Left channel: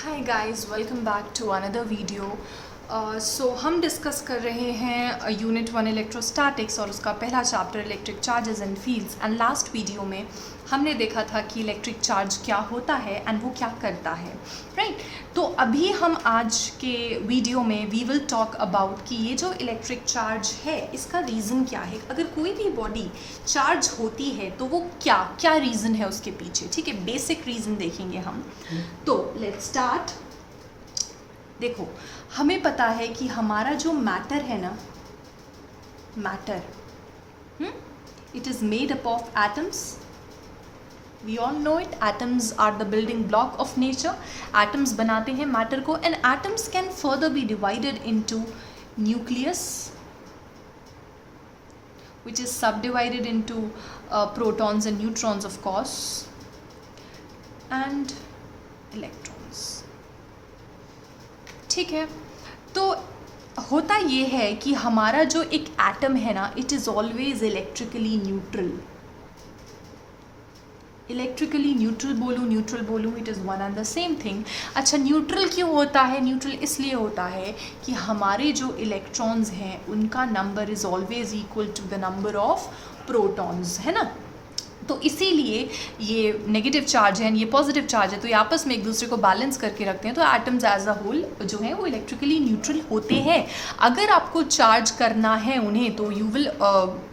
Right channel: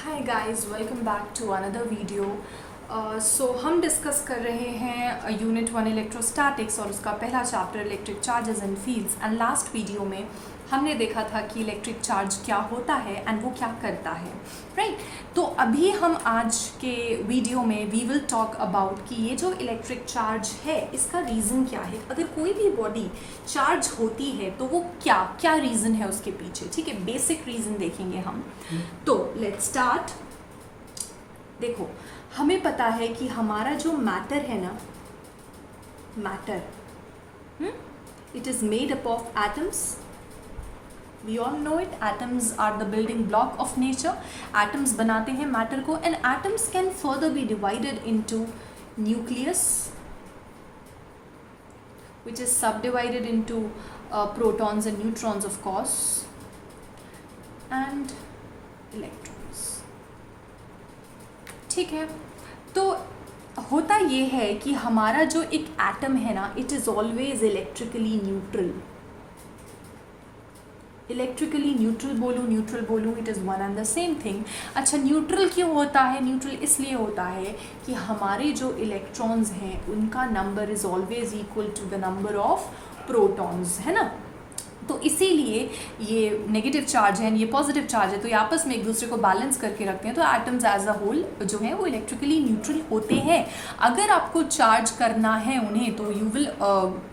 Hi guys, welcome back to another video. So हम discuss कर रहे हैं यूनिट 1 इलेक्ट्रोस्टैटिक्स और उसका पहला chapter electric charges and fields. And last video में हमने देखा था कि इलेक्ट्रिक चार्ज क्या होता है एंड वो क्या करता है, राइट। तो अभी हम आज के वीडियो में वी विल टॉक अबाउट कि ये जो इलेक्ट्रिक चार्ज है इसका रीज़न क्या है। अगर कोई भी बॉडी चार्ज होती है तो वो क्या क्या रीज़न है उसके पीछे, ठीक है। बेसिक रीज़न देखेंगे हम। तो लेट्स स्टार्ट। देखो, हमें पता है कि हमारा जो मैटर है ना, matter it is made up of atoms. We all know it, atoms are the building block of nature. Atoms बनाते हैं मैटर को and atoms can further be divided into nucleus which is subdivided into protons and neutrons of course and electrons, ठीक है। तो होता ये है कि हमारा जो एक एटम है ना, it is always electrically neutral. Electrically neutral बोलूँ it is one and the same thing. अच्छा, न्यूट्रल क्यों होता है? न्यूट्रल इसलिए होता है कि हमारे जो इलेक्ट्रॉन्स हैं उनका number is always equal to the number of protons, है ना। तो इसीलिए ये नेगेटिव चार्ज है, ये पॉजिटिव चार्ज है, तो ये आपस में एक दूसरे को बैलेंस करके रखते हैं। तो एटम्स एज अ होल जो है वो इलेक्ट्रिकली न्यूट्रल होते हैं। अगर आपको चार्ज करना है उन्हें तो you will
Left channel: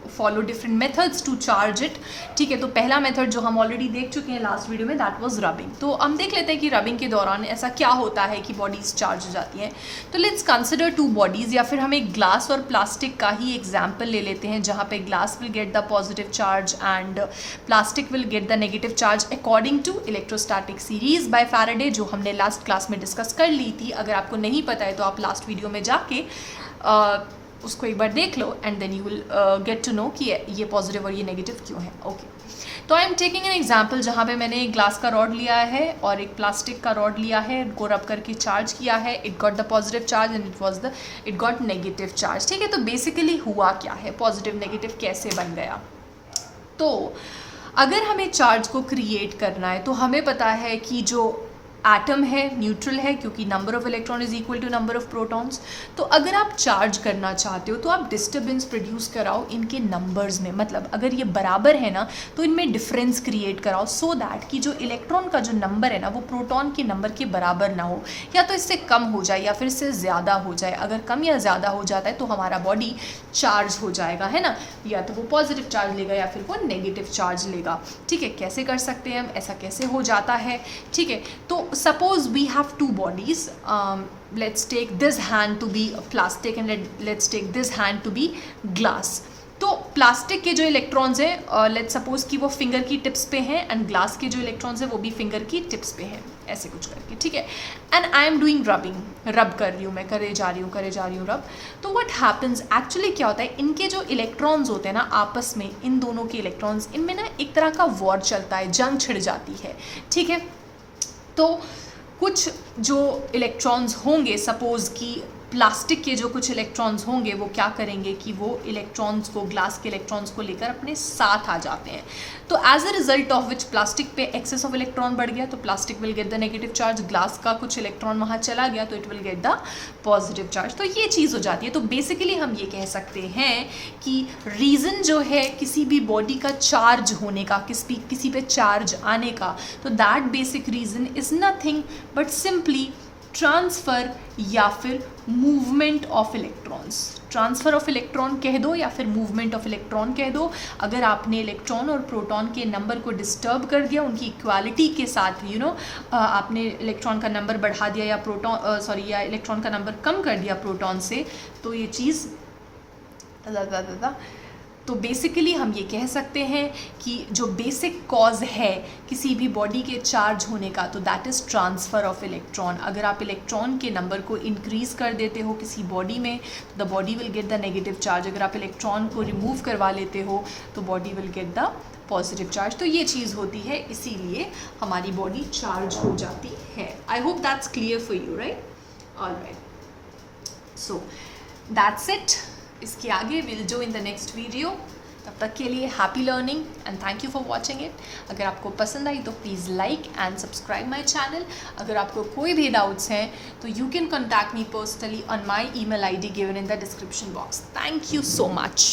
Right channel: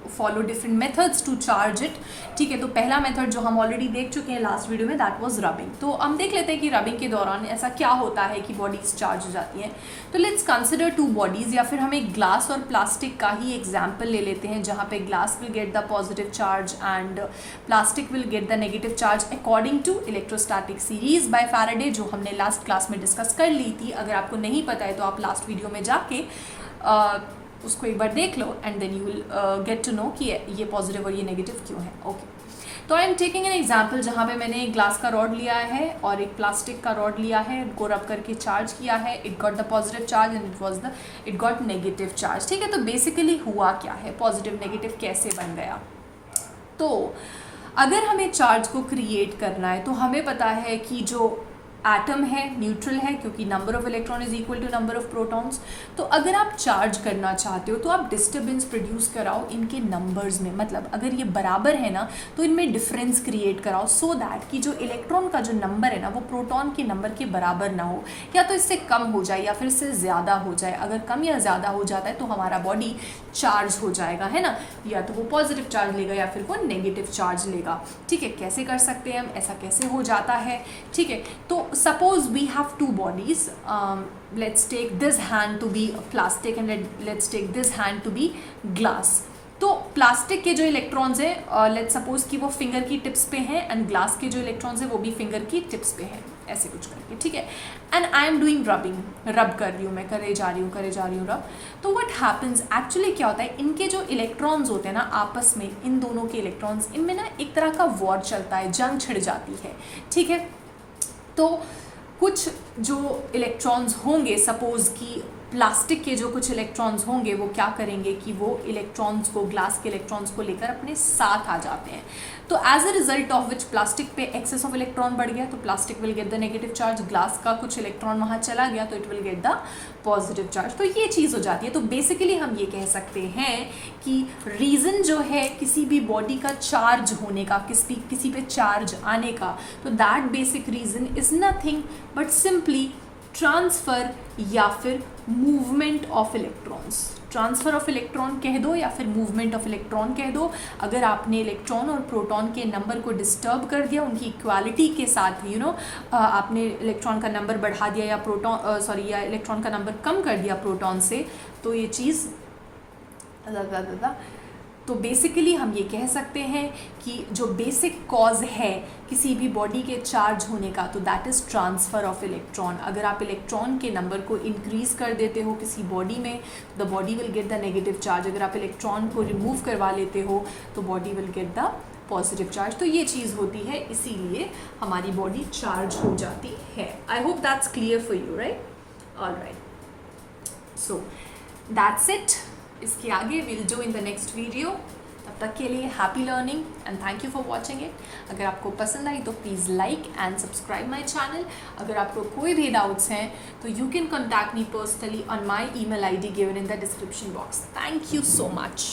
follow different methods to charge it, ठीक है। तो पहला मेथड जो हम ऑलरेडी देख चुके हैं लास्ट वीडियो में, दैट वाज रबिंग। तो हम देख लेते हैं कि रबिंग के दौरान ऐसा क्या होता है कि बॉडीज चार्ज हो जाती हैं। तो लेट्स कंसिडर टू बॉडीज़, या फिर हम एक ग्लास और प्लास्टिक का ही एग्जाम्पल ले लेते हैं, जहाँ पे glass will get the positive charge and plastic will get the negative charge according to electrostatic series by Faraday, जो हमने लास्ट क्लास में डिस्कस कर ली थी। अगर आपको नहीं पता है तो आप लास्ट वीडियो में जाके उसको एक बार देख लो and then you will get to know कि ये पॉजिटिव और ये नेगेटिव क्यों है। ओके, तो I am taking an example जहाँ पे मैंने एक ग्लास का रॉड लिया है और एक प्लास्टिक का रॉड लिया है, को रब करके चार्ज किया है। It got the positive charge and it got negative charge, ठीक है। तो बेसिकली हुआ क्या है, पॉजिटिव नेगेटिव कैसे बन गया। तो अगर हमें चार्ज को क्रिएट करना है तो हमें पता है कि जो एटम है न्यूट्रल है, क्योंकि number of electron is equal to number of protons. तो अगर आप चार्ज करना चाहते हो तो आप डिस्टर्बेंस प्रोड्यूस कराओ इनके नंबर्स में। मतलब अगर ये बराबर है ना तो इनमें डिफरेंस क्रिएट कराओ, सो दैट कि जो इलेक्ट्रॉन का जो नंबर है ना वो प्रोटॉन के नंबर के बराबर ना हो, या तो इससे कम हो जाए या फिर इससे ज़्यादा हो जाए। अगर कम या ज़्यादा हो जाता है तो हमारा बॉडी चार्ज हो जाएगा, है ना। या तो वो पॉजिटिव चार्ज लेगा या फिर वो नेगेटिव चार्ज लेगा, ठीक है। कैसे कर सकते हैं हम, ऐसा कैसे हो जाता है, ठीक है। तो suppose we have two bodies, let's take this hand to be plastic and let's take this hand to be glass। तो प्लास्टिक के जो इलेक्ट्रॉन्स हैं लेट्स सपोज कि वो फिंगर की टिप्स पे हैं एंड ग्लास के जो इलेक्ट्रॉन्स हैं वो भी फिंगर की टिप्स पे हैं, ऐसे कुछ करके, ठीक है। And I am doing rubbing, रब कर रही हूँ मैं, करे जा रही हूँ रब। तो व्हाट हैपन्स एक्चुअली क्या होता है, इनके जो इलेक्ट्रॉन्स होते हैं ना आपस में, इन दोनों के इलेक्ट्रॉन्स, इनमें ना एक तरह का वॉर चलता है, जंग छिड़ जाती है, ठीक है। तो कुछ जो इलेक्ट्रॉन्स होंगे, सपोज़ कि प्लास्टिक के जो कुछ इलेक्ट्रॉन्स होंगे वो क्या करेंगे कि वो इलेक्ट्रॉन्स को, ग्लास के इलेक्ट्रॉन्स को लेकर अपने साथ आ जाते हैं। तो as a result of which plastic पे एक्सेस ऑफ इलेक्ट्रॉन बढ़ गया तो plastic will get the negative charge, glass का कुछ इलेक्ट्रॉन वहाँ चला गया तो it will get the positive charge. तो ये चीज़ हो जाती है। तो बेसिकली हम ये कह सकते हैं कि रीज़न जो है किसी भी बॉडी का चार्ज होने का, किसी पे चार्ज आने का, तो that basic reason is nothing but simply transfer या फिर movement of electrons. Transfer of electron कह दो या फिर मूवमेंट ऑफ इलेक्ट्रॉन कह दो। अगर आपने इलेक्ट्रॉन और प्रोटॉन के नंबर को डिस्टर्ब कर दिया उनकी इक्वालिटी के साथ, आपने इलेक्ट्रॉन का नंबर बढ़ा दिया या इलेक्ट्रॉन का नंबर कम कर दिया प्रोटॉन से, तो ये चीज़ तो बेसिकली हम ये कह सकते हैं कि जो बेसिक कॉज है किसी भी बॉडी के चार्ज होने का, तो that is transfer of electron. अगर आप इलेक्ट्रॉन के नंबर को इंक्रीज़ कर देते हो किसी बॉडी में तो the body will get the negative charge. अगर आप इलेक्ट्रॉन को रिमूव करवा लेते हो तो body will get the positive charge. तो ये चीज़ होती है, इसीलिए हमारी बॉडी चार्ज हो जाती है। I hope that's clear for you, right? Alright, so that's it. इसके आगे will do in the next video. तब तक के लिए happy learning and thank you for watching it. अगर आपको पसंद आई तो please like and subscribe my channel. अगर आपको कोई भी डाउट्स हैं तो you can contact me personally on my email ID given in the description box. Thank you so much.